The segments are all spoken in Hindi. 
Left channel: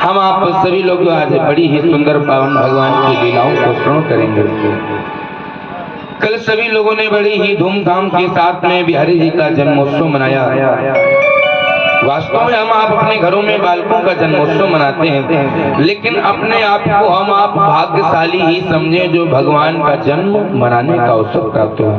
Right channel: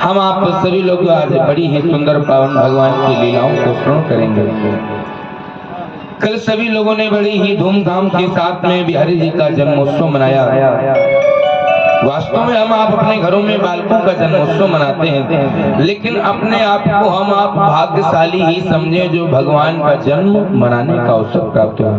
हम आप सभी लोग आज बड़ी ही सुंदर पावन भगवान की लीलाओं को श्रवण करेंगे। कल सभी लोगों ने बड़ी ही धूमधाम के साथ में बिहारी जी का जन्मोत्सव मनाया। वास्तव में हम आप अपने घरों में बालकों का जन्मोत्सव मनाते हैं, लेकिन अपने आप को हम आप भाग्यशाली ही समझे जो भगवान का जन्म मनाने का अवसर प्राप्त हुआ।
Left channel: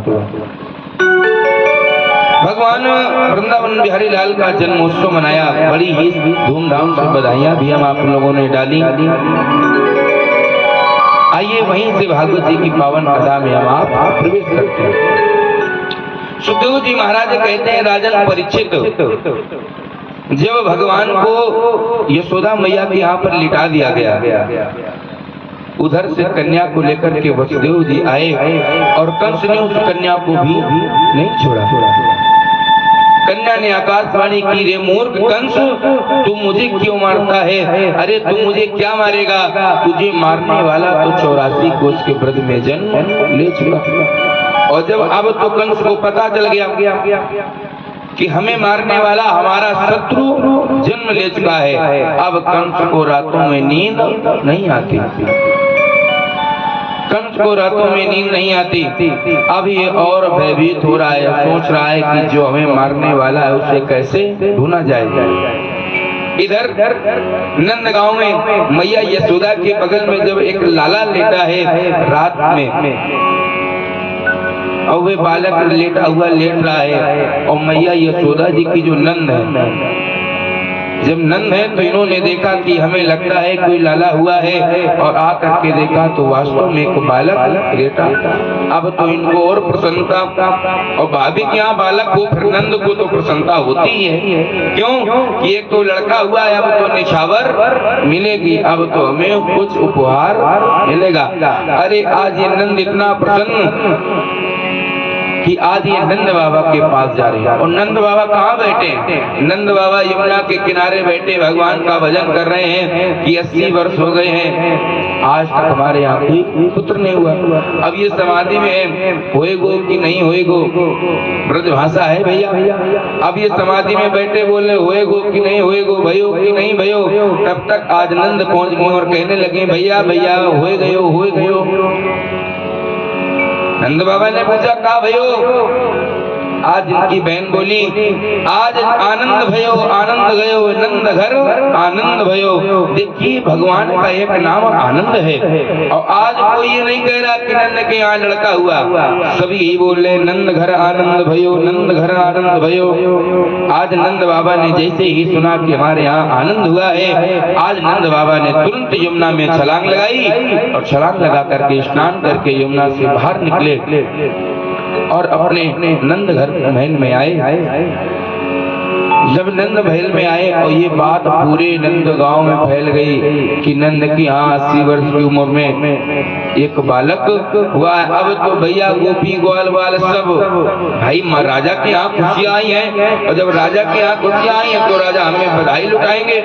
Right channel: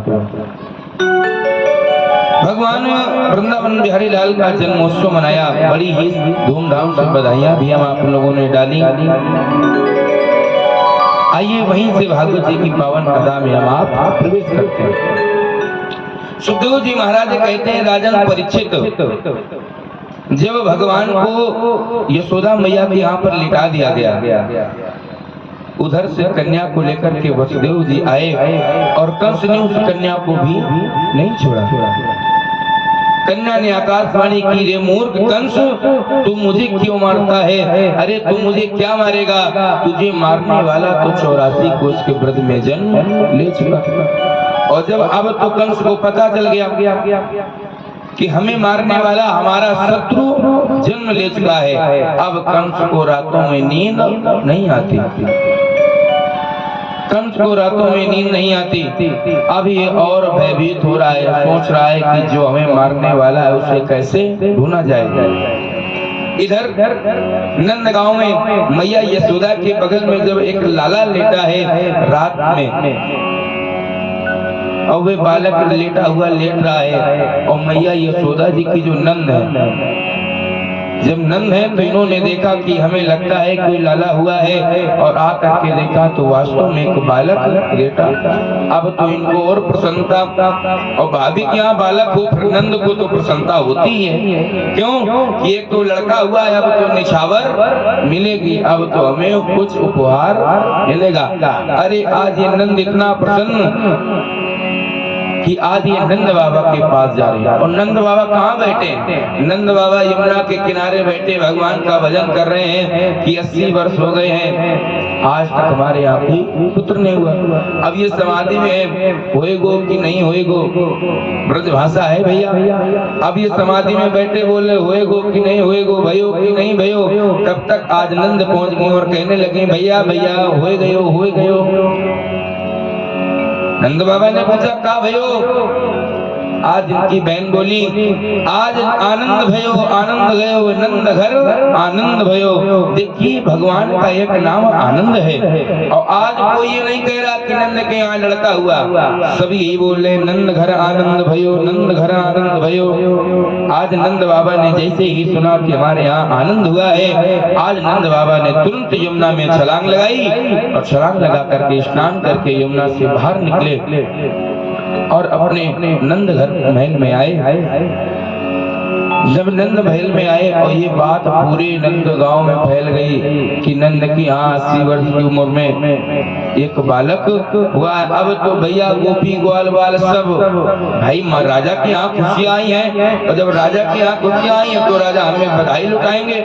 भगवान वृंदावन बिहारी लाल का जन्मोत्सव मनाया, बड़ी ही धूमधाम से बधाइयां भी हम आप लोगों ने डाली। आइए वहीं से भागवत जी की पावन कथा में हम आप प्रवेश करते हैं। सुखदेव जी महाराज कहते हैं, राजन परीक्षित, जब भगवान को यशोदा मैया के यहाँ पर लिटा दिया गया, उधर से कन्या को लेकर के वसुदेव जी आए और कंस ने उस कन्या को भी नहीं छोड़ा। कन्या ने आकाशवाणी की, रे मूर्ख कंस, तू मुझे क्यों मारता है? अरे तू मुझे क्या मारेगा? तुझे मारने वाला तो 84 कोस के व्रत में जन्म ले चुका। और जब अब तो कंस को पता चल गया कि हमें मारने वाला हमारा शत्रु जन्म ले चुका है, अब कंस को रातों में नींद नहीं आती। कंस को रातों में नींद नहीं आती। अब ये और भयभीत हो रहा है, सोच रहा है कि जो हमें मारने वाला है उसे कैसे ढूंढा जाए। इधर नंदगांव में मैया यशोदा के बगल में जब एक लाला लेटा है रात में, और वे बालक लेटा हुआ लेट रहा है, और मैया यशोदा जी की जो नंद है, जब नंद है तो इन्होंने देखा कि हमें लगता है कोई लाला हुआ है, और आ करके देखा तो वास्तव में एक बालक लेटा। अब तो इनको और प्रसन्नता, और भाभी के यहाँ बालक हो फिर नंद को तो प्रसन्नता होती है। क्यों कि एक तो लड़का हुआ है, अब तो निछावर मिलेगी, अब तो हमें कुछ उपहार मिलेगा। अरे आज ये नंद इतना प्रसन्न कि आज ये नंद बाबा के पास जा रहे हैं। और नंद बाबा कहाँ बैठे? नंद बाबा यमुना के किनारे बैठे भगवान का भजन कर रहे हैं कि 80 वर्ष हो गए हैं, आज तक हमारे यहाँ कोई पुत्र नहीं हुआ। अब ये समाधि में है, होएगो कि नहीं होएगो, ब्रज भाषा है भैया। अब ये समाधि में बैठे बोले होएगो कि नहीं होएगो, भयो कि नहीं भयो। तब तक आज नंद पहुंच गए और कहने लगे, भैया भैया होए गयो। नंद बाबा ने पूछा, का भयो? आज इनकी बहन बोली, आज आनंद भयो, आनंद गयो, नंद घर आनंद भयो। देखिए भगवान का एक नाम आनंद है, और आज कोई ये नहीं कह रहा कि नंद के यहाँ लड़का हुआ, सभी यही बोल रहे नंद घर आनंद भयो, नंद घर आनंद भयो। आज नंद बाबा ने जैसे ही सुना कि हमारे यहाँ आनंद हुआ है, आज नंद बाबा ने तुरंत यमुना में छलांग लगाई, और छलांग लगा करके स्नान करके यमुना से बाहर निकले और अपने नंद घर महल में आए। जब नंद महल में आए और ये बात पूरे नंद गांव में फैल गई कि नंद की 80 वर्ष की उम्र में एक बालक हुआ। अब तो भैया गोपी ग्वाल बाल सब भाई राजा के यहाँ खुशियां आई हैं, और जब राजा के यहाँ खुशियां आई हैं तो राजा हमें बधाई लुटाएंगे।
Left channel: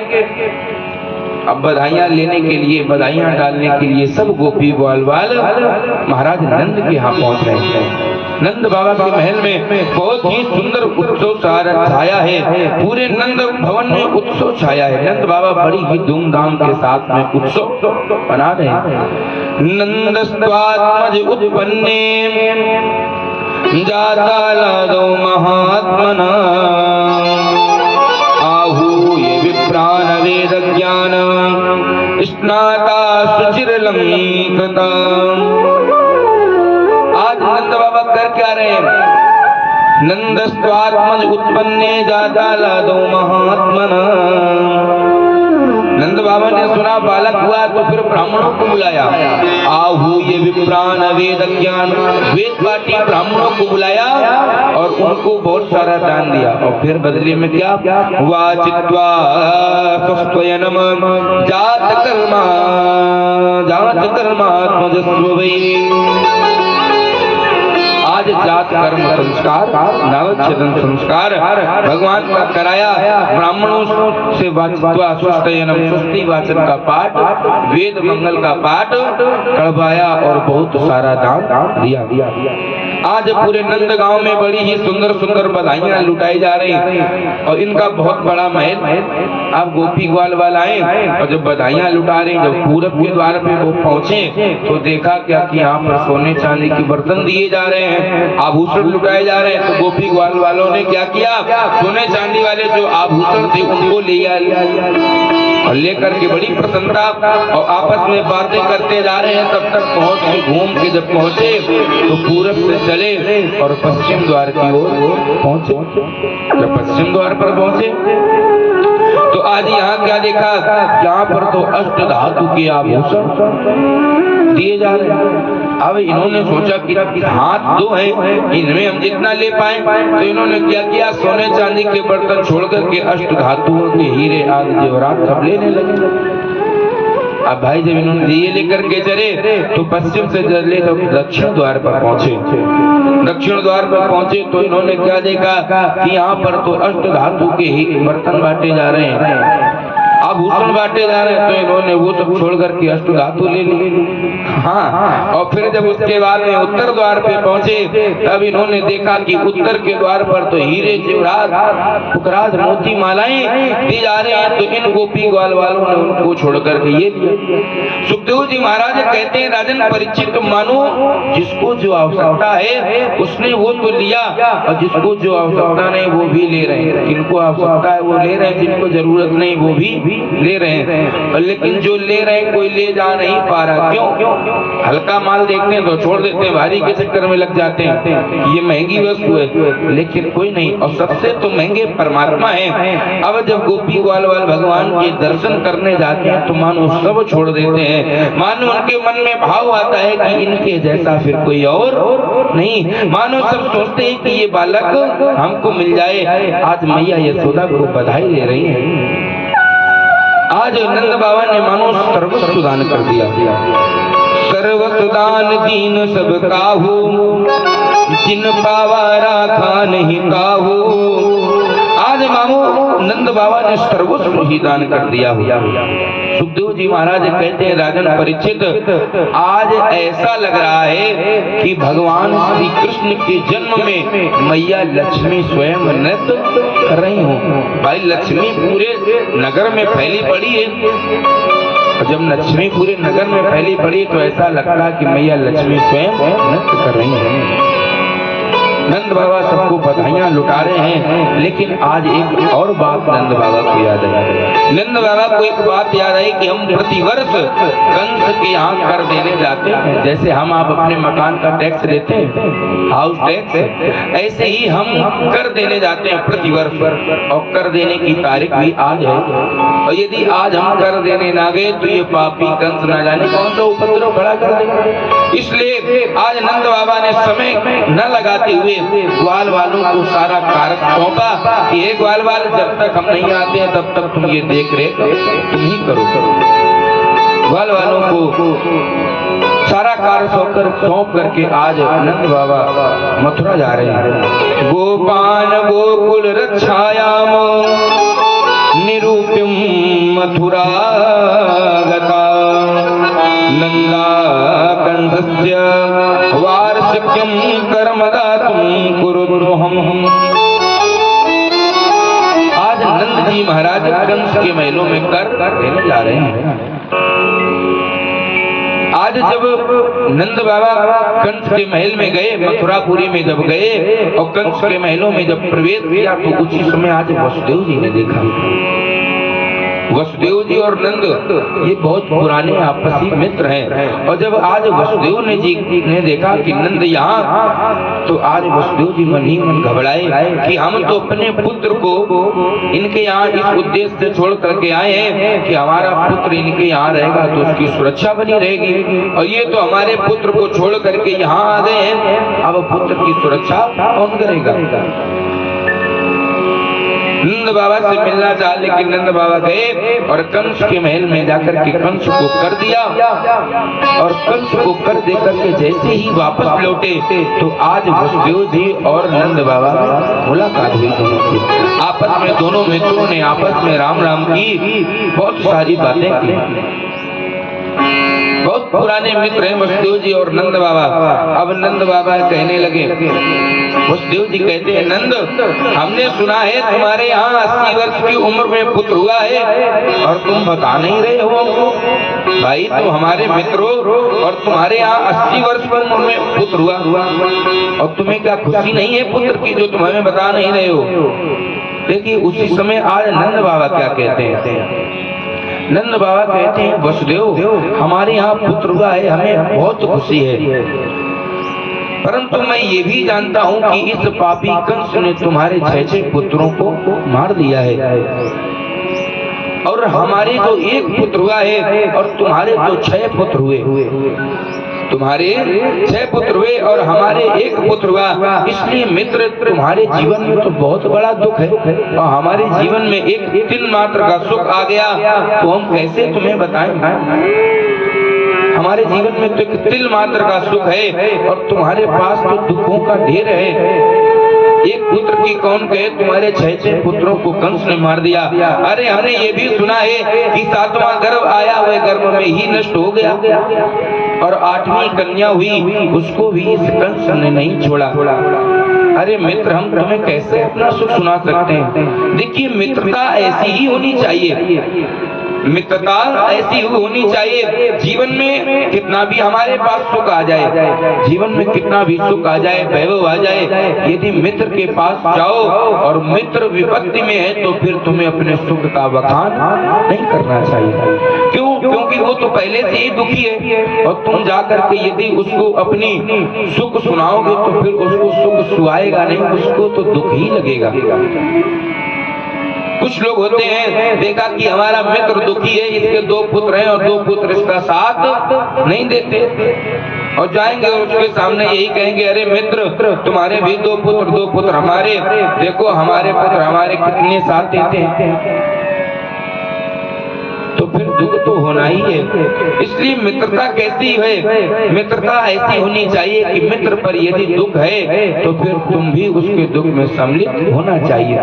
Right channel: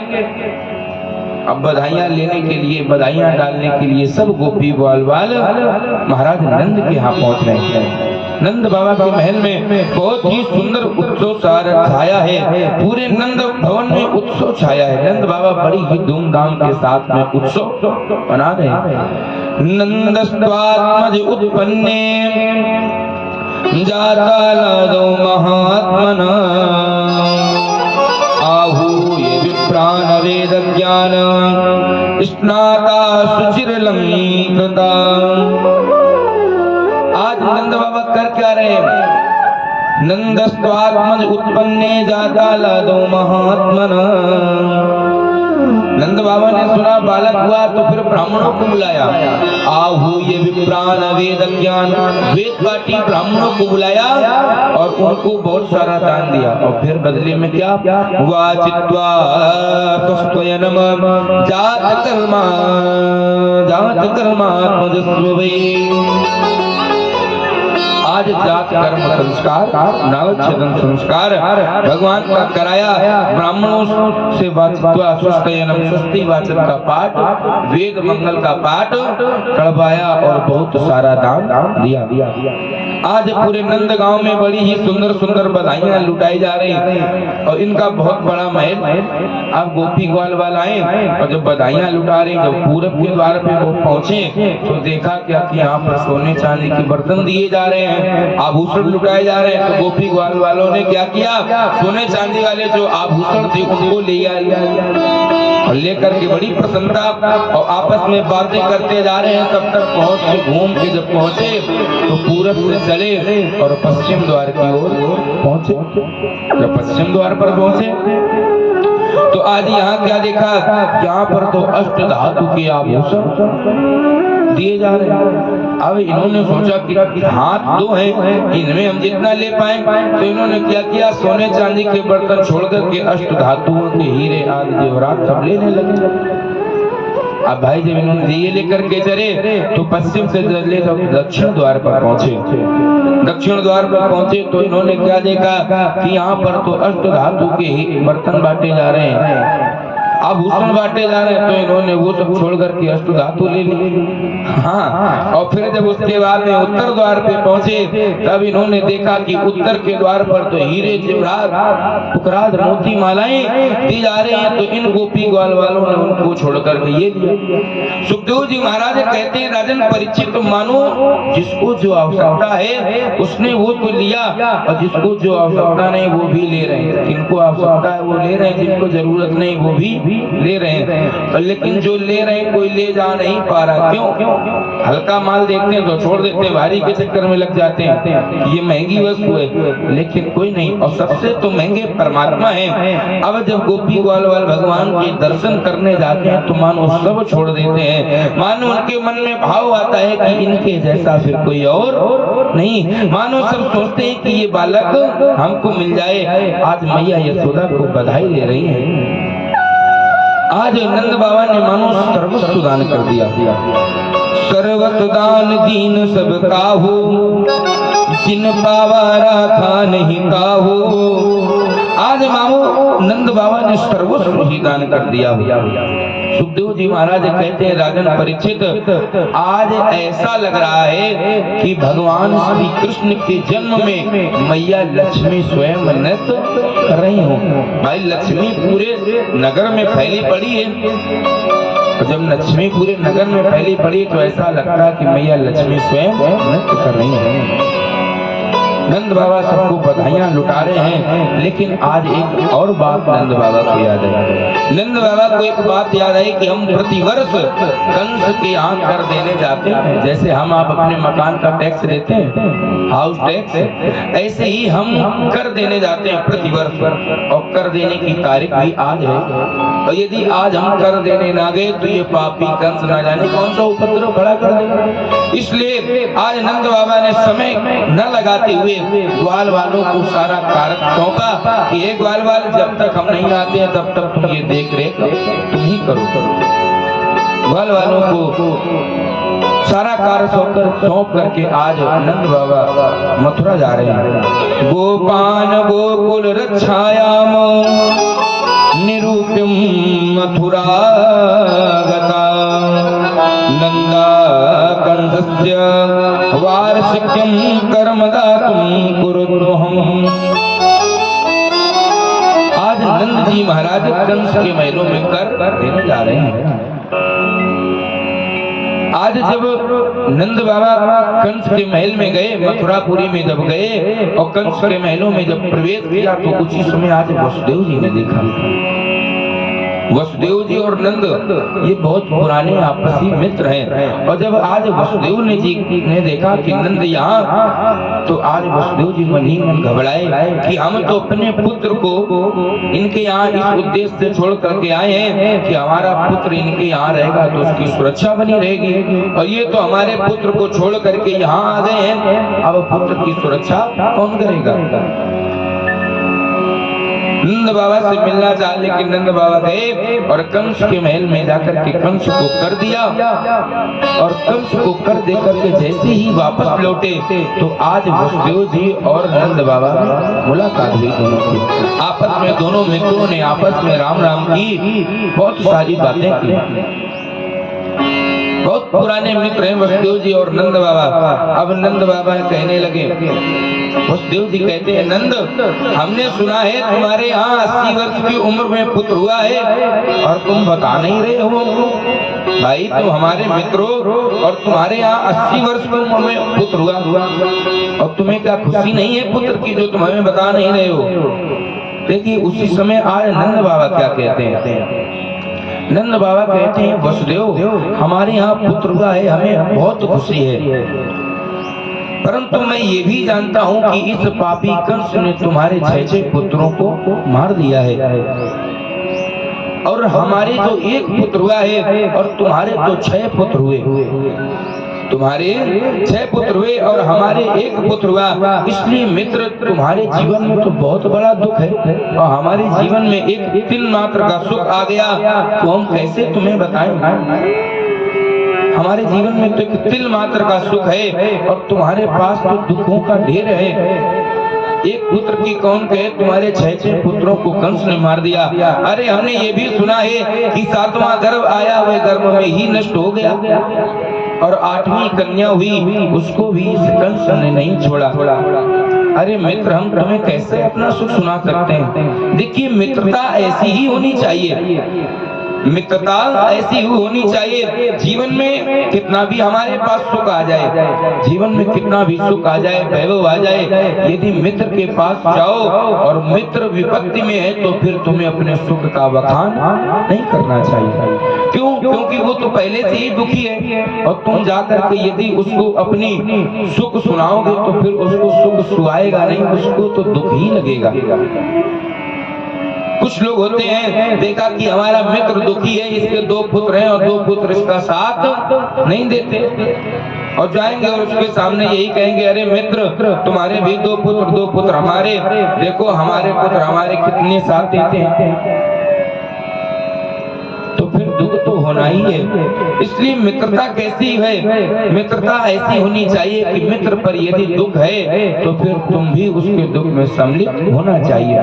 अब बधाइयां लेने के लिए, बधाइयां डालने के लिए सब गोपी ग्वाल बाल महाराज नंद के यहाँ पहुंच रहे हैं। नंद बाबा के महल में बहुत ही सुंदर उत्सव छाया है, पूरे नंद भवन में उत्सव छाया है। नंद बाबा बड़ी ही धूमधाम के साथ में उत्सव मना रहे हैं। नंदस्त्वात्मज उत्पन्ने जातालादो महात्मना, आहूय विप्रान वेद ज्ञान स्नाता सुचिरलंकृता। आज नंद बाबा कर क्या रहे हैं? नंदस्त्वात्मज उत्पन्ने जातालादो महात्मना। नंद बाबा ने सुना बालक हुआ तो फिर ब्राह्मणों को बुलाया, आहूय विप्रान वेद ज्ञान, वेद पाठी ब्राह्मणों को बुलाया और उनको बहुत सारा दान दिया। और फिर बदले में क्या? वाचित्वा स्वयनम जात कर्मात्मजस्वै। आज जात कर्म संस्कार, नवच्छेदन संस्कार भगवान का कराया। ब्राह्मणों से स्वस्ति वाचन का पाठ, वेद मंगल का पाठ करवाया और बहुत सारा दान दिया। आज पूरे नंद गांव में बड़ी ही सुंदर सुंदर बधाइयां लुटाई जा रही हैं और इनका बहुत बड़ा महल। अब गोपी ग्वाल वाला आए और जब बधाइयां लुटा रहे, जब पूरब के द्वार पे वो पहुंचे तो देखा क्या कि यहाँ पर सोने चांदी के बर्तन दिए जा रहे हैं, आभूषण लुटाए जा रहे हैं। तो गोपी ग्वाल वालों ने क्या किया, सोने चांदी वाले जो आभूषण थे उनको लिया और लेकर के बड़ी प्रसन्नता और आपस में बातें करते जा रहे हैं। तब तक पहुंच के घूम के जब पहुंचे तो पूरब से चले और पश्चिम द्वार की ओर पहुंचे। जब पश्चिम द्वार पर पहुंचे तो आज यहाँ क्या देखा, यहाँ पर तो अष्ट धातु के आभूषण दिए जा रहे हैं। अब इन्होंने सोचा कि हाथ दो है, इनमें हम जितना ले पाए, तो इन्होंने क्या किया, सोने चांदी के बर्तन छोड़कर के अष्ट धातुओं के हीरे आदि जेवरात सब लेने लगे। अब भाई जब इन्होंने ये लेकर के चले तो पश्चिम से चले तो दक्षिण द्वार पर पहुंचे। दक्षिण द्वार पर पहुंचे तो इन्होंने क्या देखा कि यहाँ पर तो अष्ट धातु के ही बर्तन बांटे जा रहे हैं, आभूषण बांटे जा रहे हैं। तो इन्होंने वो सब छोड़ करके अष्ट धातु ले ली। हाँ, और फिर जब उसके बाद में उत्तर द्वार पे पहुंचे तब इन्होंने देखा कि उत्तर के द्वार पर तो हीरे जेवरात पुकराज मोती मालाएं दी जा रहे हैं। तो इन गोपी ग्वाल वालों ने उनको छोड़ करके ये दिया। सुखदेव जी महाराज कहते हैं, राजन परीक्षित मानो जिसको जो आवश्यकता है उसने वो तो लिया और जिसको जो आवश्यकता नहीं वो भी ले रहे हैं। जिनको आवश्यकता है वो ले रहे हैं, जिनको जरूरत नहीं वो भी ले रहे हैं। और लेकिन जो ले रहे हैं कोई ले जा नहीं पा रहा। क्यों? हल्का माल देखते हैं तो छोड़ देते हैं, भारी के चक्कर में लग जाते हैं, ये महंगी वस्तु है, लेकिन कोई नहीं। और सबसे तो महंगे परमात्मा है। अब जब गोपी ग्वाल वाल भगवान के दर्शन करने जाते हैं तो मानो सब छोड़ देते हैं। मानो उनके मन में भाव आता है कि इनके जैसा फिर कोई और नहीं। मानो सब सोचते हैं कि ये बालक हमको मिल जाए। आज मैया यशोदा को बधाई दे रही है। आज नंद बाबा ने मानो सर्वस्व दान कर दिया। सर्वस्व दान दीन सब काहू, जिन पावा राखा नहीं काहू। आज मानो नंद बाबा ने सर्वस्व ही दान कर दिया। सुखदेव जी महाराज कहते हैं, राजन परीक्षित आज ऐसा लग रहा है कि भगवान श्री कृष्ण के जन्म में मैया लक्ष्मी स्वयं नृत्य कर रही हो। भाई लक्ष्मी पूरे नगर में फैली पड़ी है, और जब लक्ष्मी पूरे नगर में फैली पड़ी तो ऐसा लगता है कि मैया लक्ष्मी स्वयं नृत्य कर रही है। नंद बाबा सबको बधाइयां लुटा रहे हैं। लेकिन आज एक और बात नंद बाबा को याद है। नंद बाबा को एक बात याद आई कि हम प्रतिवर्ष कंस के यहाँ कर देने जाते हैं। जैसे हम आप अपने मकान का टैक्स देते हैं, हाउस टैक्स, ऐसे ही हम कर देने जाते हैं प्रतिवर्ष। और कर देने की तारीख भी आज है। और यदि आज हम कर देने ना गए तो ये पापी कंस ना जाने कौन सा उपद्रव खड़ा कर देगा। इसलिए आज नंद बाबा ने समय न लगाते हुए ग्वाल वालों को सारा कार्य सौंपा कि ये ग्वाल वाल जब तक हम नहीं आते हैं तब तक तुम ये देख रेख तुम ही करो। ग्वाल वालों को सारा कार्य सौंप करके आज नंद बाबा मथुरा जा रहे हैं। गोपान गोकुल रक्षायाम निरूपिम मथुरा गता नंदा कंसस्य वार्षिक्यम कर्मदातुम कुरुद्रोहम। आज नंद जी महाराज कंस के महलों में कर देने जा रहे हैं। आज जब नंद बाबा कंस के महल में गए, मथुरापुरी में जब गए और कंस के महलों में जब प्रवेश किया तो उसी समय आज वसुदेव जी ने देखा। वसुदेव जी और नंद ये बहुत पुराने आपसी मित्र हैं। और जब आज वसुदेव ने देखा कि नंद यहाँ, तो आज वसुदेव जी मन ही मन घबराए कि हम तो अपने पुत्र को इनके यहाँ इस उद्देश्य से छोड़ करके आए हैं कि हमारा पुत्र इनके यहाँ रहेगा तो उसकी सुरक्षा बनी रहेगी। और ये तो हमारे पुत्र को छोड़ करके यहाँ आ गए हैं, अब पुत्र की सुरक्षा कौन करेगा। नंद बाबा से मिलना चाहा, लेकिन नंद बाबा गए और कंस के महल में जाकर के कंस को कर दिया। और कंस को कर देकर के जैसे ही वापस लौटे तो आज वसुदेव जी और नंद बाबा में मुलाकात हुई। आपस में दोनों मित्रों ने आपस में राम राम की बहुत सारी बातें की। बहुत पुराने मित्र हैं वसुदेव जी और नंद बाबा। अब नंद बाबा कहने लगे, वसुदेव जी कहते हैं, नंद हमने सुना है तुम्हारे यहाँ 80 वर्ष की उम्र में पुत्र हुआ है और तुम बता नहीं रहे हो हमको। भाई तुम हमारे मित्र हो और तुम्हारे यहाँ 80 वर्ष की उम्र में पुत्र हुआ और तुम्हें क्या खुशी नहीं है पुत्र की जो तुम हमें बता नहीं रहे हो। देखिए उसी समय आज नंद बाबा क्या कहते हैं। नंद बाबा कहते हैं, वसुदेव हमारे यहाँ पुत्र हुआ है, हमें बहुत खुशी है, परंतु मैं ये भी जानता हूँ कि इस पापी कंस ने तुम्हारे 6 पुत्रों को मार दिया है और हमारे जो एक पुत्र हुआ है और तुम्हारे तो 6 पुत्र हुए। तुम्हारे 6 पुत्र हुए और हमारे एक पुत्र हुआ, इसलिए मित्र तुम्हारे जीवन में तो बहुत बड़ा दुख है और हमारे जीवन में एक तिल मात्र का सुख आ गया तो हम कैसे तुम्हें बताएं। हमारे जीवन में तो एक तिल मात्र का सुख है और तुम्हारे पास तो दुखों का ढेर है। एक पुत्र की कौन कहे, तुम्हारे 6 पुत्रों को कंस ने मार दिया। अरे हमने ये भी सुना है कि 7वां गर्भ आया हुए गर्भ में ही नष्ट हो गया और 8वीं कन्या हुई, उसको भी इस कंस ने नहीं छोड़ा। अरे मित्र हम तुम्हें कैसे अपना सुख सुना सकते हैं। देखिए मित्रता ऐसी ही होनी चाहिए, मित्रता ऐसी होनी चाहिए। जीवन में कितना भी हमारे पास सुख आ जाए, जीवन में कितना भी सुख आ जाए, वैभव आ जाए, यदि मित्र के पास जाओ और मित्र विपत्ति में है तो फिर तुम्हें अपने सुख का बखान नहीं करना चाहिए। क्यों? क्योंकि वो तो पहले से ही दुखी है और तुम जाकर के यदि उसको अपनी सुख सुनाओगे तो फिर उसको सुख सुहाएगा नहीं, उसको तो दुख ही लगेगा। कुछ लोग होते हैं, देखा कि हमारा मित्र दुखी है, इसके 2 पुत्र हैं और 2 पुत्र इसका साथ नहीं देते और जाएंगे और उसके सामने यही कहेंगे, अरे मित्र तुम्हारे भी 2 पुत्र हमारे, देखो हमारे पुत्र हमारे कितने साथ देते हैं, तो फिर दुख तो होना ही है। इसलिए मित्रता कैसी है, मित्रता ऐसी होनी चाहिए कि मित्र पर यदि दुख है तो फिर तुम भी उसके दुख में सम्मिलित होना चाहिए।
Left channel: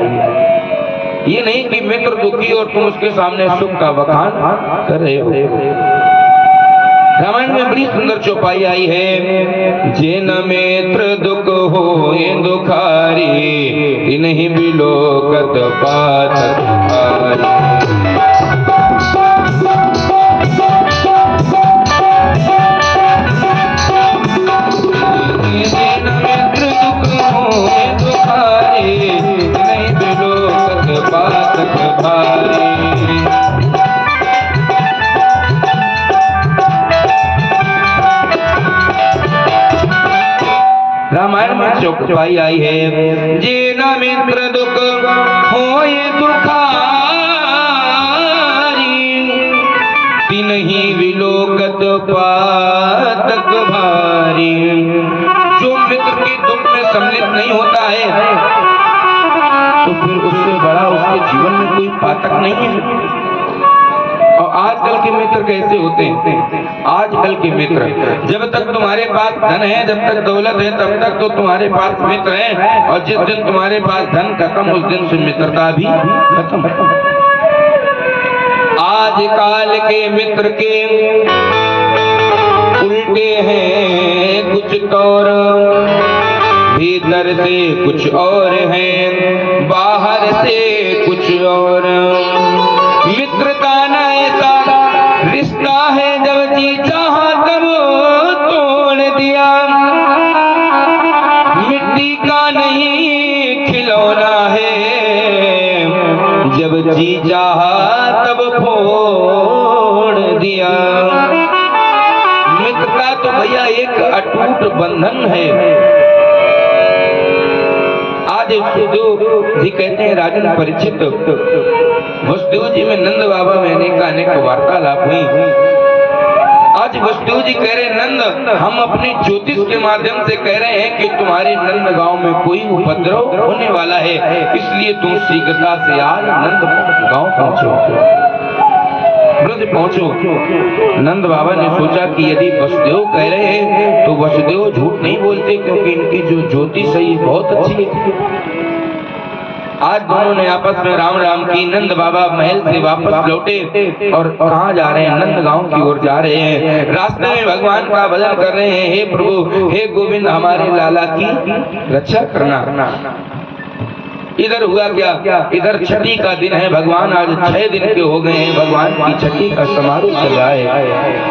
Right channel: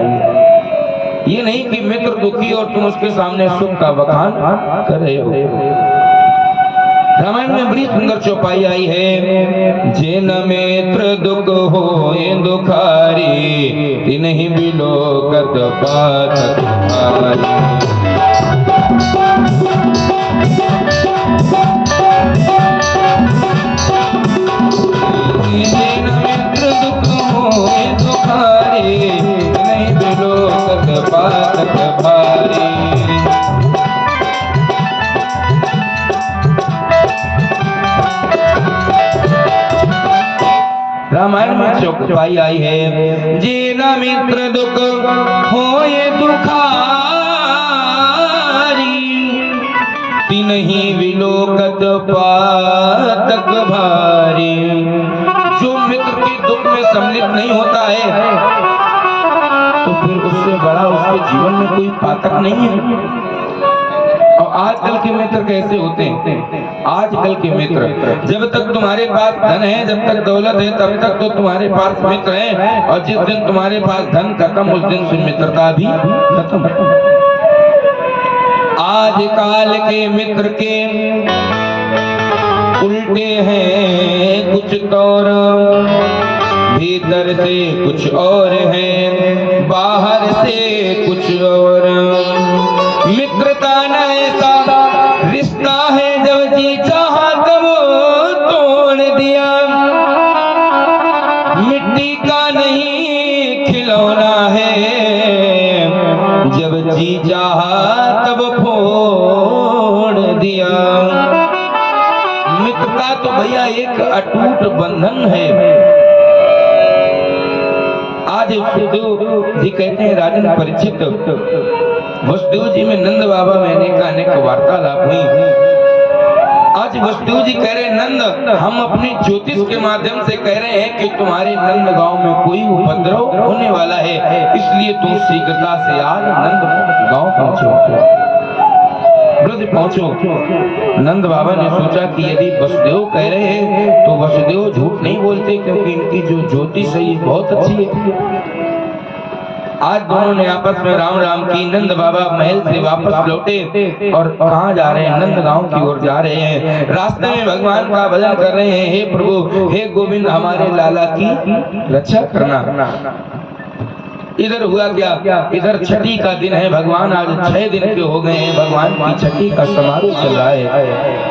ये नहीं कि मित्र दुखी और तुम उसके सामने सुख का बखान कर रहे हो। रामायण में बड़ी सुंदर चौपाई आई है, जिन मित्र दुख हो ये दुखारी, तिन्हि बिलोकत पात तुम्हारी। चौपाई आई है, जिन मित्र दुख हो ये दुखारी, तिन्हि बिलोकत पातक भारी। जो मित्र के दुख में सम्मिलित नहीं होता है तो फिर उससे बड़ा उसके जीवन में कोई पातक नहीं है। और आजकल के मित्र कैसे होते हैं, आजकल के मित्र, जब तक तुम्हारे पास धन है, जब तक दौलत है, तब तक तो तुम्हारे पास मित्र हैं और जिस दिन तुम्हारे पास धन खत्म उस दिन से मित्रता भी खत्म। आज काल के मित्र के उल्टे हैं कुछ और, भीतर से कुछ और है, बाहर से कुछ और। मित्रता रिश्ता है, जब जी चाहा तब तोड़ दिया, मिट्टी का नहीं खिलौना है, जब जी चाहा तब फोड़ दिया। मित्रता तो भैया एक अटूट बंधन है। आज वसुदेव जी कहते हैं, राजन परीक्षित, वसुदेव जी में नंद बाबा में अनेक वार्तालाप हुई। आज वसुदेव जी कह रहे, नंद हम अपने ज्योतिष के माध्यम से कह रहे हैं कि तुम्हारे नंद गांव में कोई उपद्रव होने वाला है, इसलिए तुम शीघ्रता से आज नंद गांव पहुंचो, ब्रज पहुंचो। नंद बाबा ने सोचा कि यदि वसुदेव कह रहे हैं तो वसुदेव झूठ नहीं बोलते, क्योंकि इनकी जो ज्योतिष है ये बहुत अच्छी है। आज दोनों ने आपस में राम राम की। नंद बाबा महल से वापस लौटे और कहाँ जा रहे हैं? नंद गांव की ओर जा रहे हैं। रास्ते में भगवान का भजन कर रहे हैं, हे प्रभु हे गोविंद हमारे लाला की रक्षा करना। इधर हुआ क्या, इधर छठी का दिन है। भगवान आज 6 दिन के हो गए हैं। भगवान की छठी का समारोह चल रहा है।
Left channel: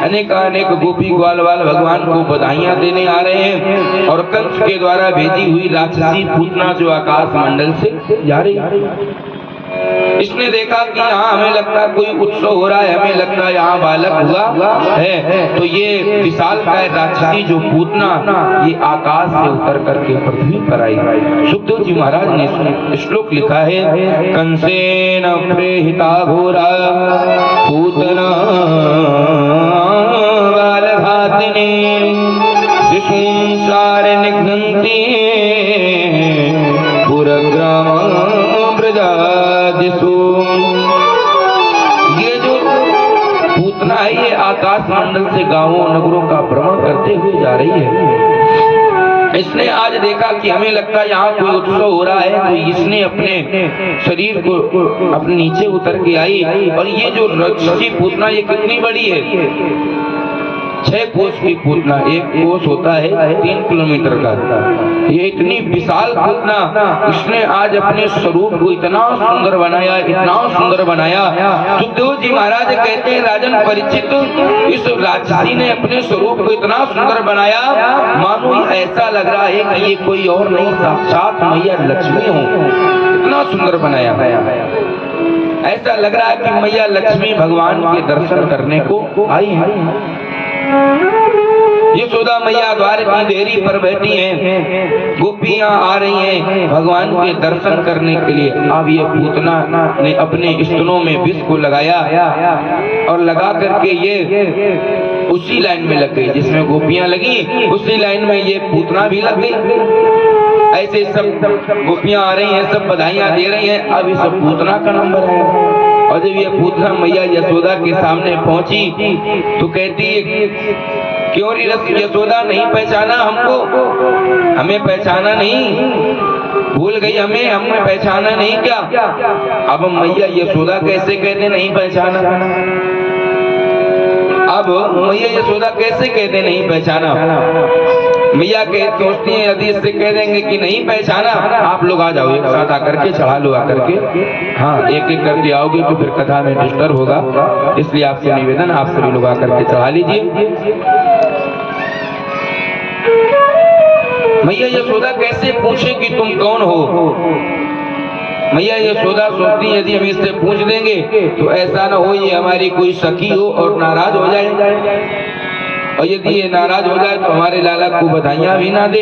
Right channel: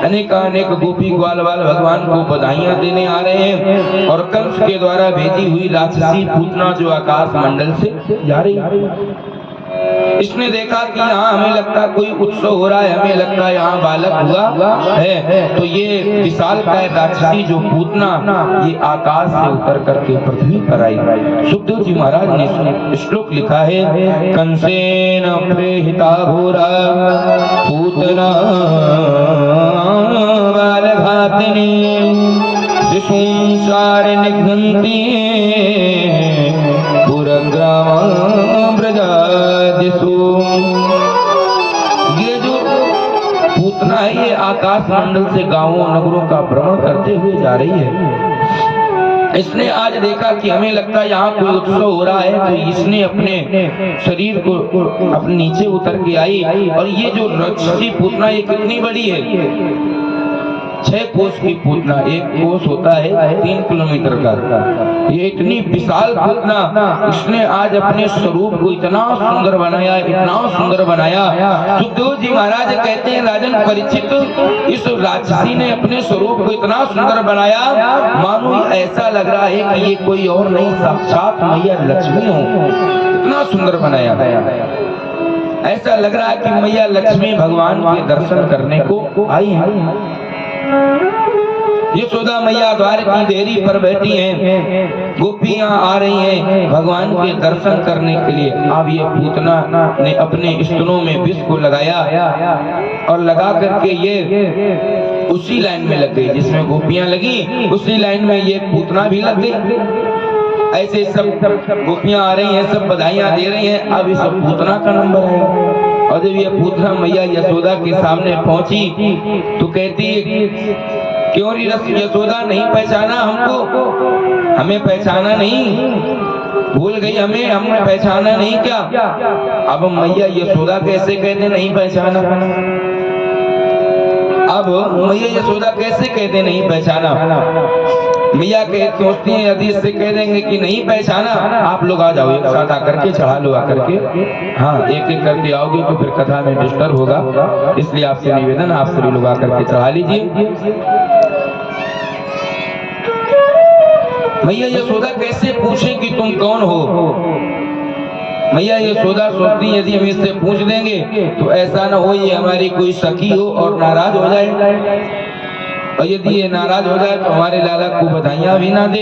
अनेक गोपी ग्वाल वाल भगवान को बधाइयां देने आ रहे हैं और कंस के द्वारा भेजी हुई राक्षसी पूतना जो आकाश मंडल से जा रही है। इसने देखा कि यहाँ हमें लगता कोई उत्सव हो रहा है, हमें लगता है यहाँ बालक हुआ है। तो ये विशालकाय राक्षसी जो पूतना ये आकाश से उतर करके पृथ्वी पर आई। सुखदेव जी महाराज ने श्लोक लिखा है, कंसेन प्रेहिता घोरा पूतना बालघातिनी शिशुंसार निघ्नन्ति ये जो पूतना है ये आकाश मंडल से गांवों नगरों का भ्रमण करते हुए जा रही है। इसने आज देखा कि हमें लगता है यहाँ कोई उत्सव हो रहा है, तो इसने अपने शरीर को अपने नीचे उतर के आई। और ये जो राक्षसी पूतना ये कितनी बड़ी है? 6 कोस की पूतना। 1 कोस होता है 3 किलोमीटर का। ये इतनी विशाल पूतना इसने आज अपने स्वरूप को इतना सुंदर बनाया, इतना सुंदर बनाया। सुखदेव जी महाराज कहते हैं, राजन परीक्षित इस राक्षसी ने अपने स्वरूप को इतना सुंदर बनाया, मानो ऐसा लग रहा है कि ये कोई और नहीं साक्षात मैया लक्ष्मी हो। इतना सुंदर बनाया, ऐसा लग रहा है कि मैया लक्ष्मी भगवान के दर्शन करने को आई है। यशोदा मैया द्वार की देरी पर बैठी हैं, गोपियां आ रही हैं भगवान के दर्शन करने के लिए। अब ये पूतना ने अपने स्तनों में विष को लगाया और लगा करके ये उसी लाइन में लग गई जिसमें गोपियां लगी, उसी लाइन में ये पूतना भी लग गई। ऐसे सब गोपियां आ रही हैं, सब बधाइयां दे रही हैं। अब इस पूतना का नंबर है। और जब ये पूतना मैया यशोदा के सामने पहुंची तो कहती है, क्यों री यशोदा नहीं पहचाना हमको? हमें पहचाना नहीं? भूल गई हमें? हमने पहचाना नहीं क्या? अब मैया यशोदा कैसे कहते नहीं पहचाना? अब मैया यशोदा कैसे कहते नहीं पहचाना? मैया के सोचती हैं यदि इससे कह देंगे कि नहीं पहचाना, आप लोग आ जाओ एक साथ आकर के चढ़ा लो आकर के। हाँ, एक एक करके आओगे तो फिर कथा में डिस्टर्ब होगा, इसलिए आपसे निवेदन आप सभी लोग आकर के चढ़ा लीजिए। मैया यशोदा कैसे पूछे कि तुम कौन हो? मैया यशोदा सोचती यदि हम इससे पूछ देंगे तो ऐसा न हो ये हमारी कोई सखी हो और नाराज हो जाए, और यदि ये नाराज हो जाए तो हमारे लाला को बधाइयां भी ना दे।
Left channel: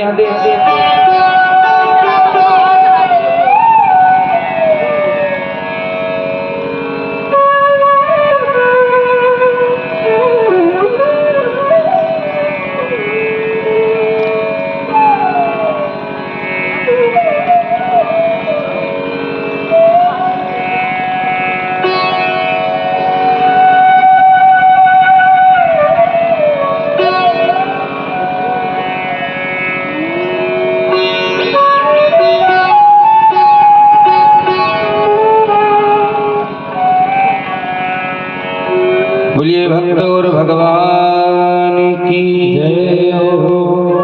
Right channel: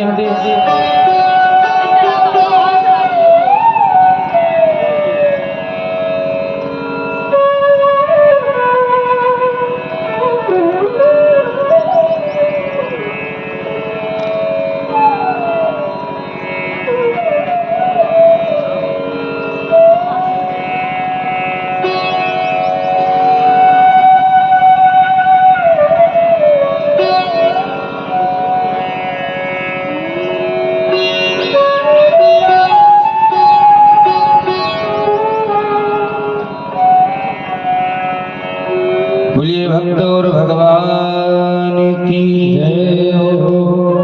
बोलिए भक्त और भगवान की जय हो,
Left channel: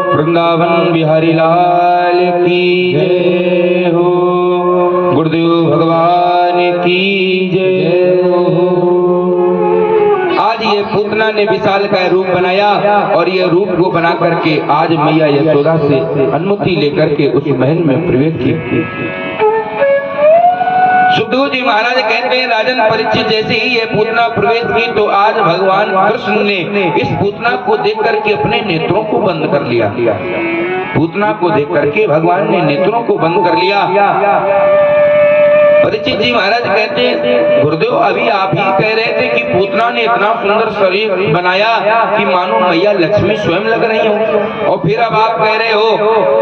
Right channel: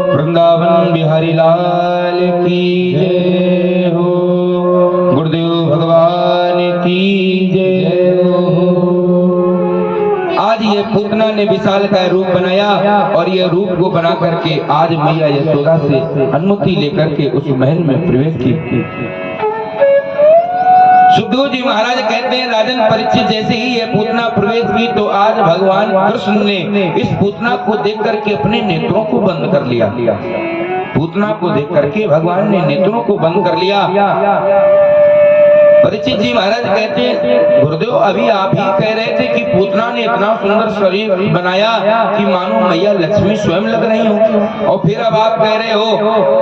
वृंदावन बिहारी लाल की जय हो, गुरुदेव भगवान की जय हो। आज ये पूतना ने विशाल का रूप बनाया और ये रूप को बना करके आज मैया यशोदा से अनुमति लेकर के उस महल में प्रवेश किया। सुखदेव जी महाराज कहते हैं, राजन परीक्षित जैसे ही ये पूतना प्रवेश की तो आज भगवान कृष्ण ने इस पूतना को देख करके अपने नेत्रों को बंद कर लिया। पूतना को देख करके भगवान ने नेत्रों को बंद कर लिया। परीक्षित जी महाराज कहते हैं, गुरुदेव अभी आप ही कह रहे थे कि पूतना ने इतना सुंदर शरीर बनाया कि मानो मैया लक्ष्मी स्वयं लग रही हो, और फिर अब आप कह रहे हो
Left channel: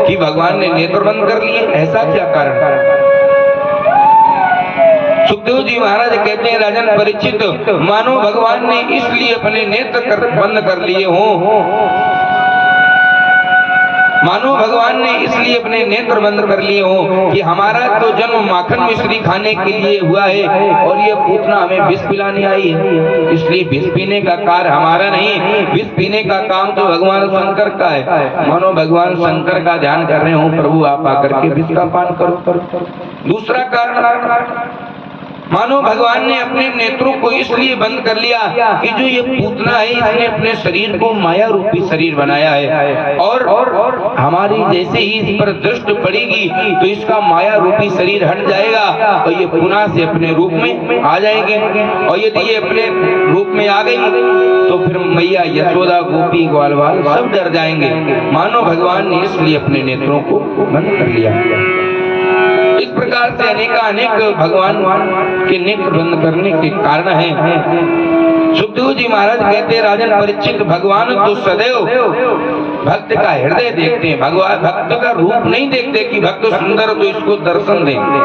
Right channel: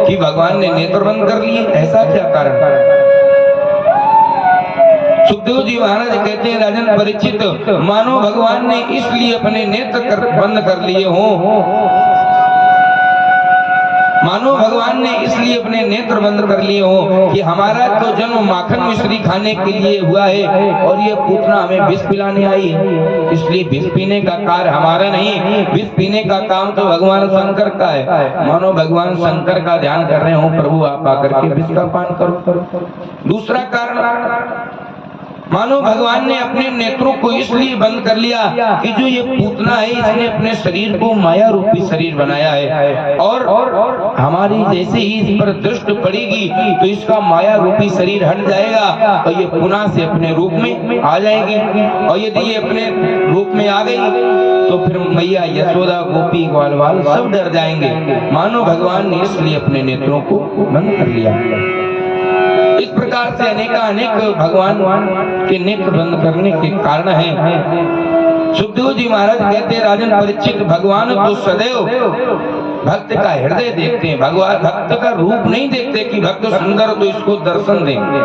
कि भगवान ने नेत्र बंद कर लिए, ऐसा क्या कारण? सुखदेव जी महाराज कहते हैं, राजन परीक्षित मानो भगवान ने इसलिए अपने नेत्र बंद कर लिए हों, मानो भगवान ने इसलिए अपने नेत्र बंद कर लिए हो कि हमारा तो जन्म माखन मिश्री खाने के लिए हुआ है और ये पूतना हमें विष पिलाने आई है, इसलिए विष पीने का कार्य हमारा नहीं, विष पीने का काम तो भगवान शंकर का है। मानो भगवान शंकर का ध्यान कर रहे हो, प्रभु आप आकर के विष का पान करो। दूसरा कारण, मानो भगवान ने अपने नेत्रों को इसलिए बंद कर लिया कि जो ये पूतना है इसने अपने शरीर को माया रूपी शरीर बनाया है और हमारी जैसे ही इस पर दृष्टि पड़ेगी तो इसका माया रूपी शरीर हट जाएगा और ये पुनः से अपने रूप में आ जाएगी। और यदि ये अपने रूप में आ गई तो फिर मैया यशोदा गोपी ग्वाल बाल सब डर जाएंगे। मानो भगवान ने इसलिए अपने नेत्रों को बंद कर लिया। इस प्रकार से अनेक भगवान के नेत्र बंद करने के कारण है। सुखदेव जी महाराज कहते, राजन परीक्षित, भगवान तो सदैव भक्त का हृदय देखते हैं, भगवान भक्त का रूप नहीं देखते कि भक्त सुंदर तो इसको दर्शन देंगे।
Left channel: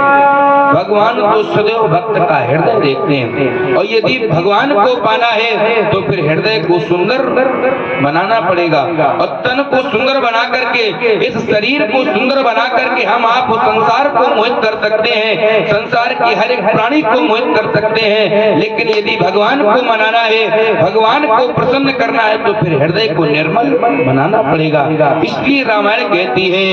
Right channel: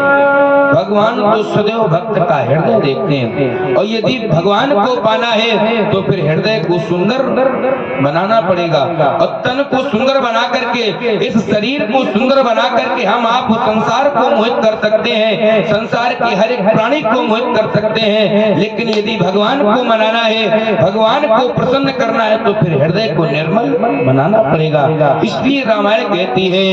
भगवान तो सदैव भक्त का हृदय देखते हैं और यदि भगवान को पाना है तो फिर हृदय को सुंदर बनाना पड़ेगा और तन को सुंदर बना करके, इस शरीर को सुंदर बना करके हम आप संसार को मोहित कर सकते हैं, संसार की हर एक प्राणी को मोहित कर सकते हैं। लेकिन यदि भगवान को मनाना है, भगवान को प्रसन्न करना है तो फिर हृदय को निर्मल बनाना पड़ेगा। इसलिए रामायण कहती है